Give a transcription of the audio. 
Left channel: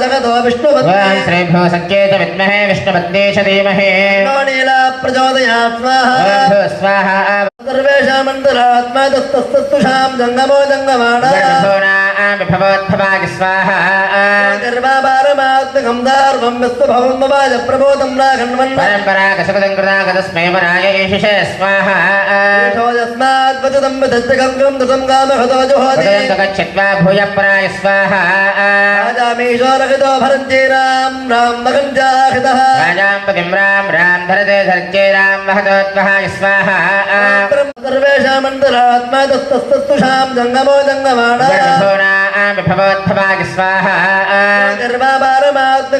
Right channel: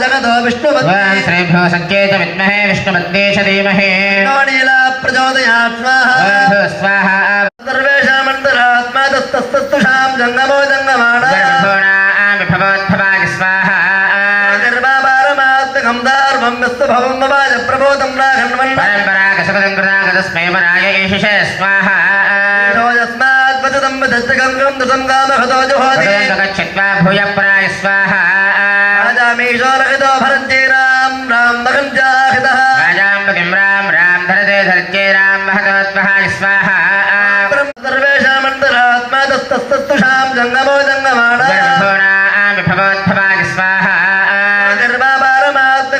जगतो ॐ विष्णुपत्नी श्रीभ्यो सङ्केत विद्महे विष्णुपद्मेश धीमहि नीला प्रचोदयात् स्वाहा ॐ भूः स्वाहा सर्वेषामन्तरात्मा तस्तस्तुषां जङ्गमो जङ्गमाण जगद्भुवनां विभवोद्भवागि स्वाहा गर्भापारमात्मकं दार्वं विस्तभवं ममाज प्रबोधं राघन्वन् परम्परागसगतं कृतागतस्मै वराय ईशिषे स्वाहा यस्मात् वचनं विदस्तगङ्गं दशं कामहतो जुहोति भगवन्त गच्छत्वा भूयः पराय स्वाहा राजामीशोरहितो भरन्ति राम राम मगञ्जाहितः राजां पतिं रां रां धरते धर्त्यै रां वहतोद्वहाय स्वाहा सर्वेषामन्तरात्मा तस्तस्तुषां जङ्गमो जङ्गमाण जगद्भुवनां विभवोद्भवागि स्वाहा